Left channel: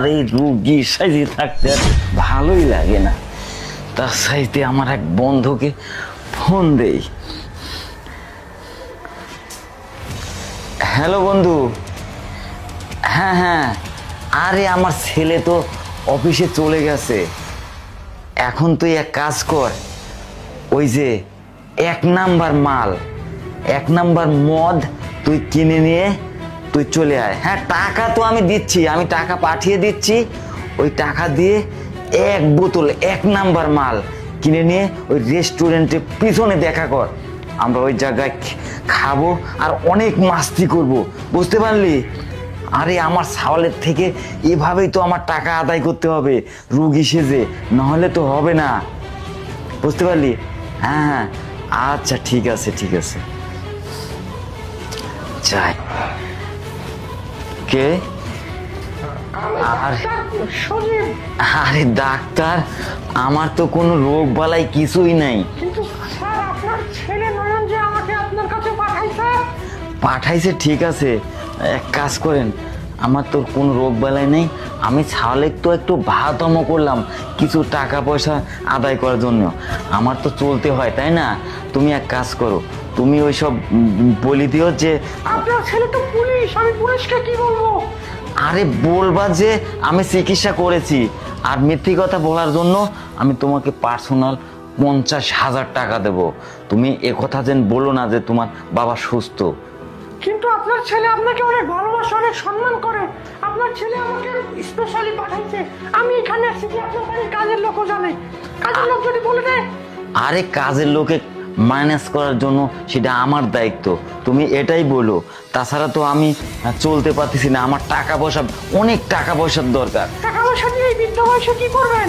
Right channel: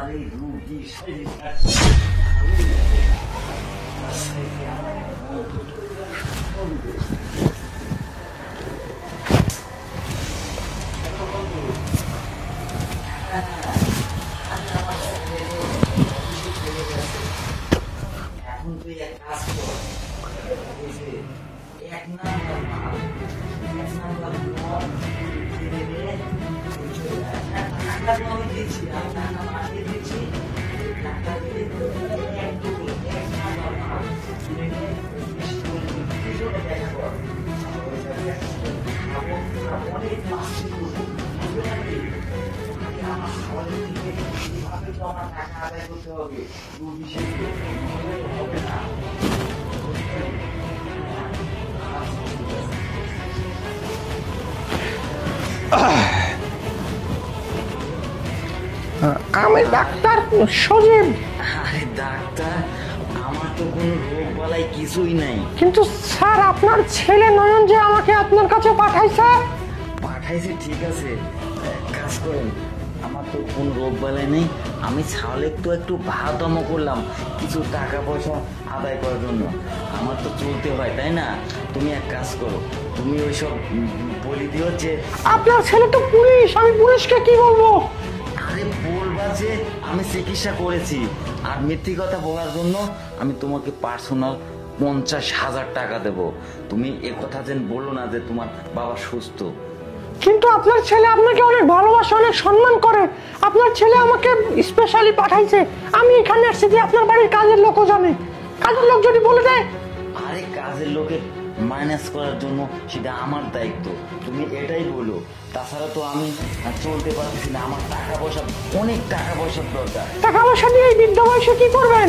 আমার এই রুগী সাইজে থাকতে ভালোই লাগে না। তার সাইতে আমার এক বন্ধুকে ফোন দেই। হ্যালো বন্ধু। হ্যাঁ হ্যাঁ, আরে আমার ছেলে তো অফিসে চলে গেছে। এখন তুই এক কাজ কর, ওই যে 1 নাম্বার মাল, 1 নাম্বার মদ তুই কিনে নিয়ে তুই চলে আয়। হ্যাঁ, টাকা তো আমি দিচ্ছি, আমি টাকা পাঠিয়ে দিচ্ছি। ওই টাকা দিয়ে 1 বোতল 1 নাম্বার মাল কিনে নিয়ে ওই রেস্টুরেন্টে পিছনে দেখা কর। আমরা ওই জায়গায় খাবো আর অনেক মাস্তি করব, বুঝতে পারলি? আরে আমার ছাওয়ালের থেকে এভাবেই তো আমার টাকা আদায় করতে হবে রুগী সেজে, নাহলে তো হবে না, বুঝতে পারলি? হ্যাঁ আচ্ছা ঠিক আছে ঠিক আছে। যাই। কে? আমি ডাক্তার সজীব। আরে ডাক্তার, আমার তো কোনো রোগ বালাই কিছুই নাই। কিন্তু স্যার আপনার ছেলে নয়ন যে আমাকে আপনার কাছে পাঠাইছে। পাঠাইছে ঠিক আছে, এক কাজ করেন, আমার তো কোনো রোগ বালাই নেই। আমি ছাওয়ালে তো একটু ভাতমো করলাম কিছু টাকা পয়সা আদায় করার জন্য, আমার তো চলতে হয় তাই না? তুমি এক কাজ করো, তুমি ওই সব বলি দিও যে আপনার ছেলে তো পুলিশ, আমি পুলিশকে কি বলবো? আরে বলবা যে আমি চিকিৎসা করেছি, আর মিথ্যে কথা বলার জন্য আমি তোমাকে পার্সোনাল 50,000 টাকা দেব। তুমি একথা যেন বলো না যে তোমার বাবা সুস্থ। কিন্তু আপনার ছেলে আপনাকে অনেক ভালোবাসে, অনেক সম্মান করে। আপনার ছেলে আমাকে স্পেশালি পাঠাইছে। আমি এখানে এসেছি যে আপনার বাড়ির কাজের লোকও জানে। কাজের লোক যদি বলে দেয়। আরে কাজের লোকে ম্যানেজ করার জন্য সেটা আমার দায়িত্ব, তুমি এটাই বলো। তাছাড়া তো আমি চলতে পারতেছি না, আমার টাকা পয়সা, অনেক টাকা পয়সার দরকার। টাকা পয়সা দিয়ে এই বৃদ্ধ বয়সে কি করবেন?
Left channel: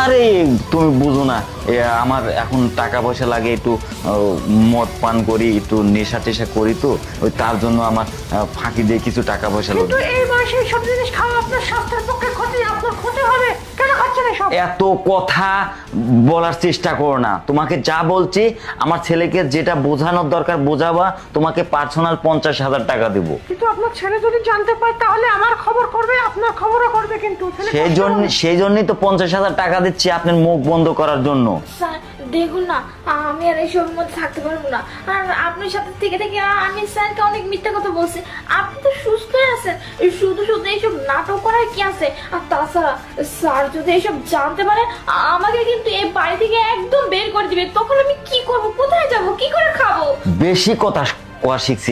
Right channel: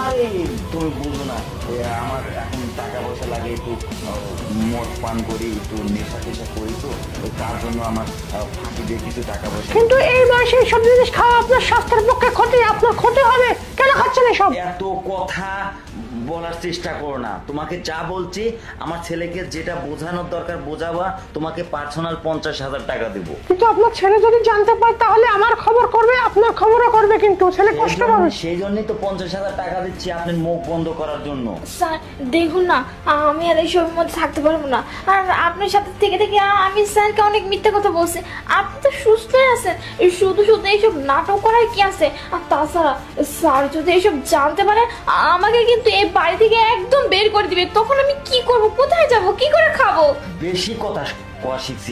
আরে তুমি বুঝো না, আমার এখন টাকা পয়সা লাগে, একটু মদ পান করি, একটু নেশা টেশা করি, তো ওই তার জন্য আমার ফাঁকি দিয়ে কিছু টাকা পয়সা। কিন্তু এই বয়সে এইসব জিনিস খাওয়া আপনার স্বাস্থ্যের পক্ষে ক্ষতি, আপনার ক্ষতি হবে। কেন খাচ্ছেন এসব? এত কথা বলার চেষ্টা করো না, তোমাকে যা বলছি আমার ছেলেকে যেটা বোঝানোর দরকার বোঝাবা, তোমাকে পার্সোনাল 50,000 টাকা দেবো। কিন্তু আপনার ছেলে যদি জানতে পারে তাহলে আমার খবর করবে, আপনার খবরও করবে। কিন্তু সেই জন্যই তো 50,000 টাকা দিচ্ছি আপনার মুখ বন্ধ করার জন্য। স্যার দেখুন না, আমি আর এইসবের মধ্যে থাকতে পারবো না। আর আপনার সাথে থেকে থেকে আমি স্যারকে অনেক মিথ্যা কথা বলছি। আপনি তো সুস্থ আছেন, শুধু শুধু এইসব নাটক করার কি আছে? আর তাছাড়া স্যার যদি এইসব জানতে পারে আমাকে কিন্তু এই বাড়ি থেকে একদম বের করে দিবে। তখন আমি কি করবো, কোথায় যাবো, কি করে খাবো? বেশি কথা শিখছি।